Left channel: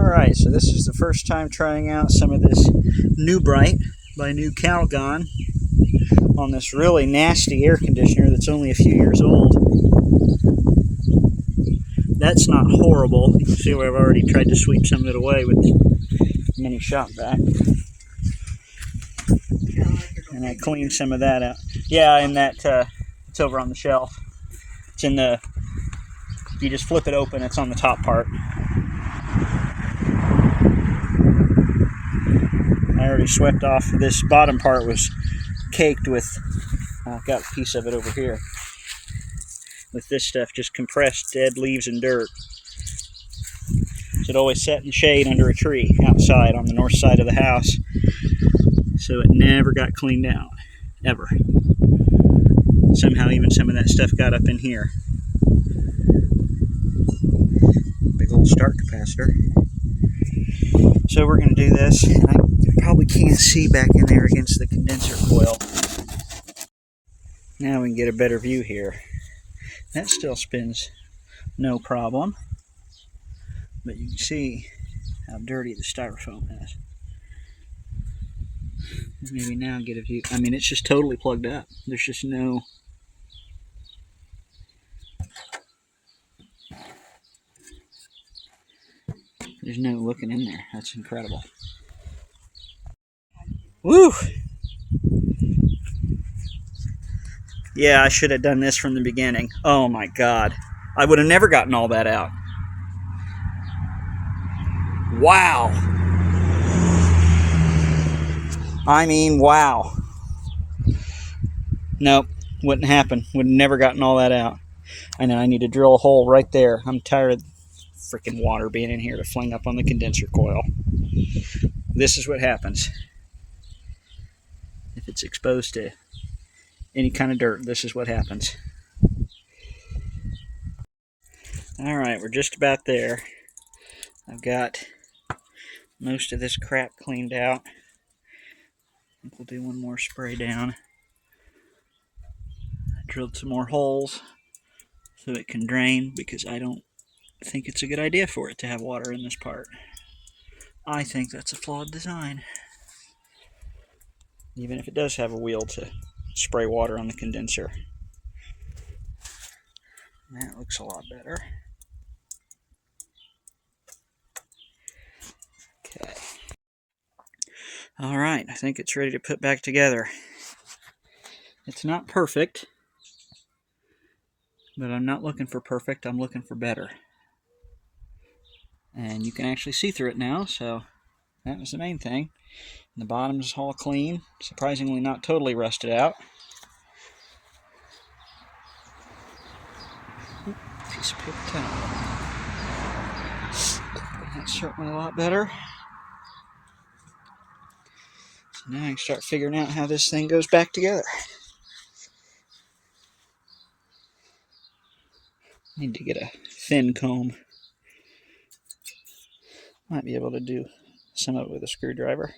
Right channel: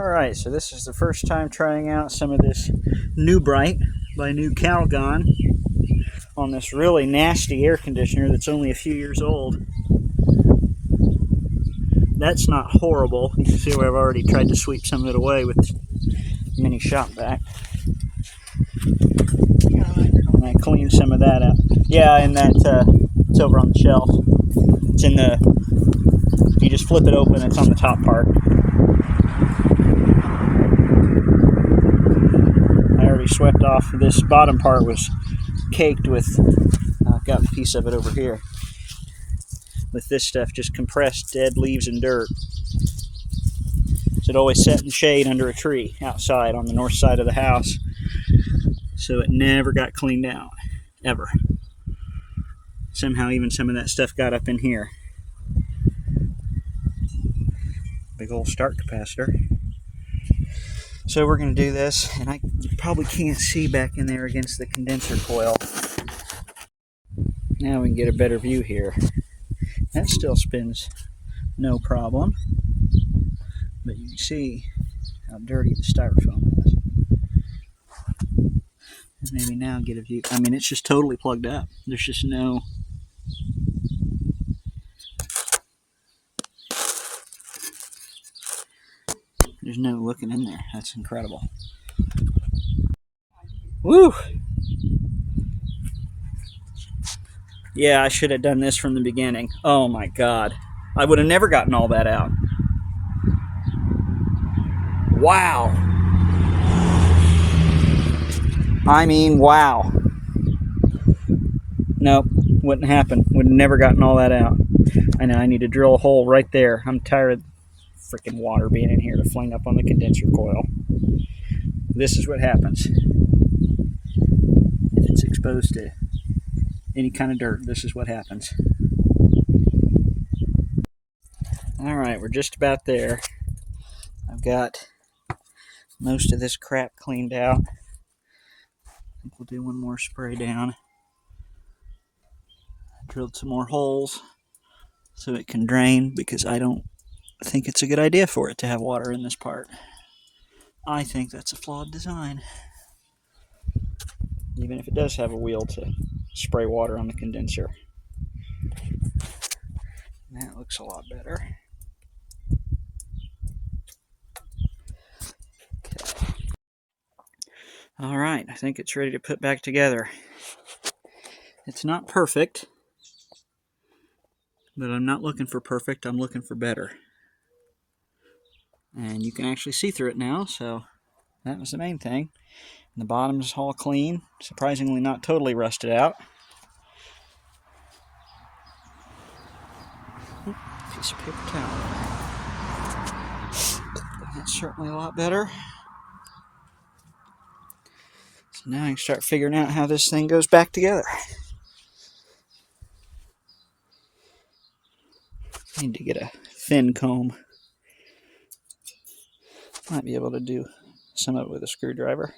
Alright, so this is the first time trying out some of this New Bright by New Calgon on this really nasty air conditioner that's only a few years old. That's not horrible. You can see where I've already tried to sweep some of it away with the mini shop vac. And I cleaned some of that up. Yeah, and that, it's over on the shelf. It's in the, you just flip it open, it's on the top part. I already swept off. This bottom part was caked with, I've got a piece of it over here, with this stuff just compressed dead leaves and dirt. So it always sat in shade under a tree outside on the north side of the house. So it never got cleaned out, ever. Somehow even some of that stuff got up in here. Big old start capacitor. So we're going to do this, and I probably can't see back in there against the condenser coil. Now we can get a better view here. That still spins no problem, but you can see how dirty the styrofoam is. Maybe now get a view. I mean, it's just totally plugged up. There's just no... There's no looking in there. That's incredible. Woo! Yeah, I should have done this from the beginning. Oh my God. I would have never gotten all that out. Wow. I mean, wow. Nope, wouldn't happen. Would have never gotten all that out. I know I need to drill a hole right there. I'm tired of freaking water being in here to fling up on the condenser coil. This is what happens. If it's exposed to any kind of dirt, this is what happens. Alright, we're just about there. I've got most of this crap cleaned out. I think we'll do one more spray down. I drilled some more holes so it can drain, because I don't think it's a good idea for it to have water in this part. I think that's a flawed design. Even if it does have a wheel to spray water on the condenser. That looks a lot better. Alright, I think it's ready to put back together. It's not perfect, but I'm not looking for perfect, I'm looking for better. And you can actually see through it now, so that was the main thing. And the bottom's all clean, surprisingly not totally rusted out. Piece of paper towel. That's certainly a lot better. So now I can start figuring out how this thing goes back together. I need to get a thin comb. Might be able to do some of it with a screwdriver.